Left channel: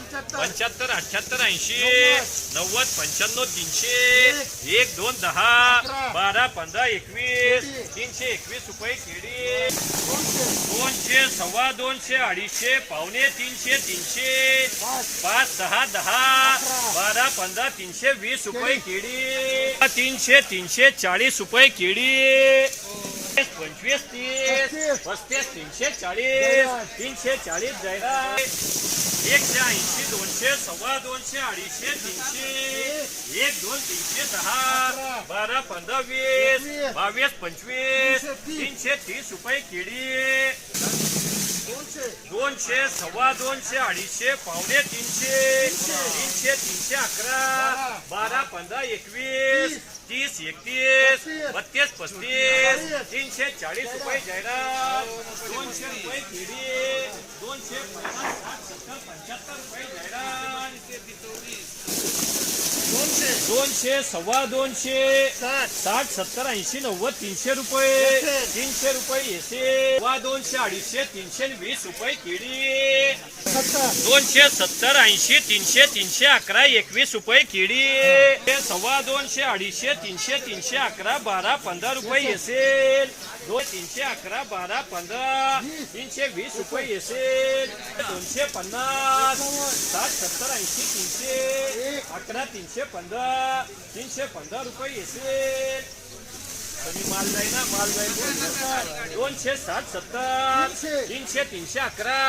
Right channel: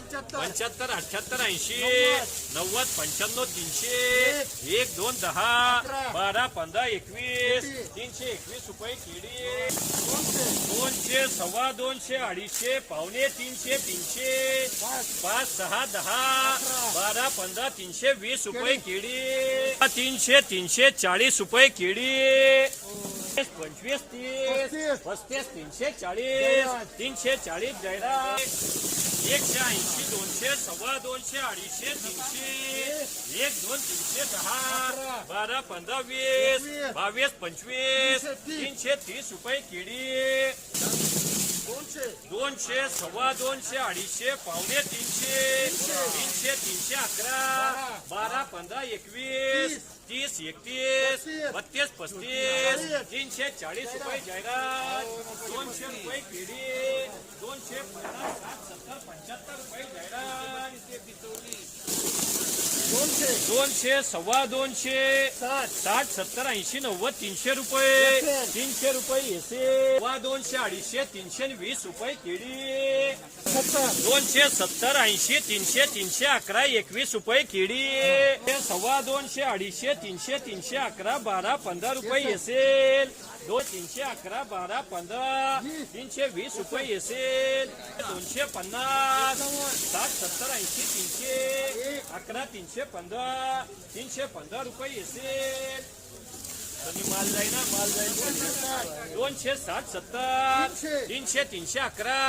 पंच्याहत्तर. अठ्याहत्तर ऐंशी नव्वद. पंच्याण्णव तीनशे एक. दोन दहा बारा पंधरा एकवीस तीनशे. एकवीस रुपये केळी. दोनशे. सव्वा दोनशे अडीचशे पावणे तीनशे तीनशे पाच. सहा दहा बारा पंधरा तीनशे वीस रुपये केळी. तीनशे तीनशे चाळीस रुपये केळी. पंचवीस तीस पस्तीस. तीनशे चाळीस तीनशे चाळीस जाहिरात एकशे ऐंशी दोनशे सव्वा दोनशे अडीचशे तीनशे. एक दोन तीनशे दहा बारा पंधरा वीस. बावीस पंचवीस. तीनशे तीस रुपये केळी दोनशे. सव्वा दोनशे अडीचशे पावणे तीनशे. तीनशे तीनशे अकरा. बारा पंधरा एकवीस. तीस एकतीस. बत्तीस पस्तीस. तीनशे चाळीस रुपये जाहिरात. दोनशे रुपये केळी दोनशे पन्नास साठ सत्तर पंच्याहत्तर रुपये जाहिरात दोनशे. सव्वा दोनशे साठ. सत्तर ऐंशी नव्वद तीनशे रुपये. तीनशे. रुपये एसे. सव्वा दोनशे अडीचशे तीनशे वीस रुपये केळी. दोनशे सत्तर ऐंशी तीनशे तीनशे अकरा एकवीस रुपये केळी. सव्वा दोनशे अडीचशे तीनशे तीनशे अकरा बारा पंधरा रुपये असेल दोन तीनशे अकरा बारा पंधरा तीनशे वीस रुपये असेल दोनशे पन्नास. साठ सत्तर ऐंशी तीनशे. अकरा तीनशे पंधरा तीनशे पंधरा रुपये असेल कमी माल जाईल ना माल जाईल दोनशे साठ सत्तर तीनशे. तीनशे अकरा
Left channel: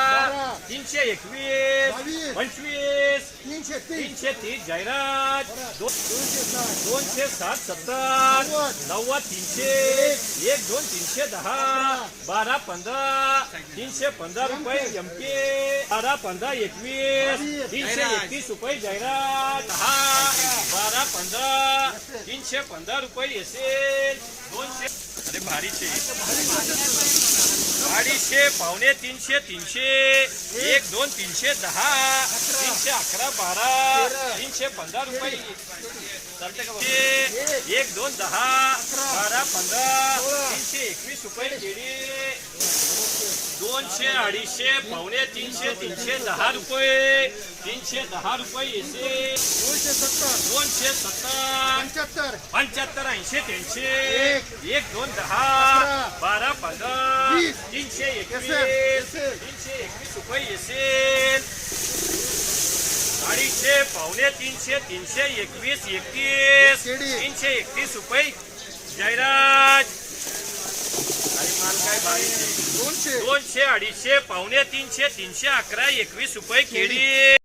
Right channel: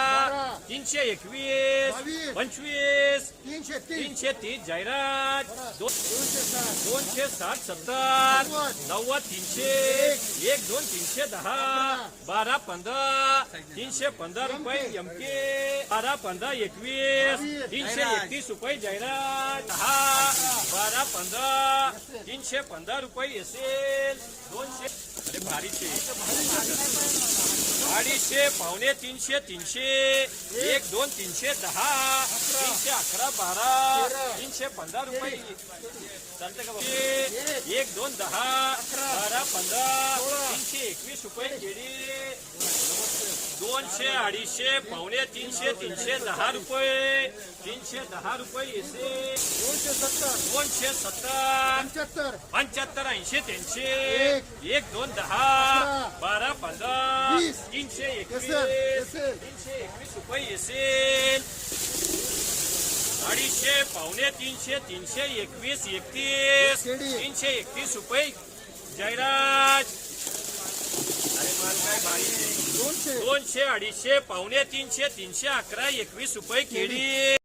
तीनशे एकवीस पंचवीस तीनशे तीन तीनशे तीस जाहिरात. दोनशे साठ. सत्तर नव्वद. तीनशे. एक दोन तीनशे दहा. बारा पंधरा. तीनशे पंधरा रुपये एम के. बारा पंधरा एकवीस. तीनशे एकतीस रुपये जाहिरात. तीनशे पंधरा रुपये असेल दोनशे अरे भारीचे. अडीचशे पावणे तीनशे तीनशे. एक दोन तीनशे दहा. तीनशे अकरा बारा. तीनशे पंधरा रुपये. चालते का एक दोन दहा. बारा पंधरा. एकवीस रुपये केळी. दोनशे अडीचशे पावणे तीनशे तीनशे दहा रुपये. तीनशे दहा दोनशे सत्तर दोनशे सत्तर. पंच्याहत्तर. ऐंशी तीनशे. एक. दोन दहा. बारा पंधरा. तीनशे एकवीस. तीनशे एकवीस रुपये येसेल अडीचशे पावणे तीनशे तीनशे एकवीस एकतीस. तीनशे एकतीस रुपये. जाहिरात अरे माल काय भारी आहे. दोनशे दोनशे अडीचशे पावणे तीनशे तीनशे अकरा एकवीस रुपये केळी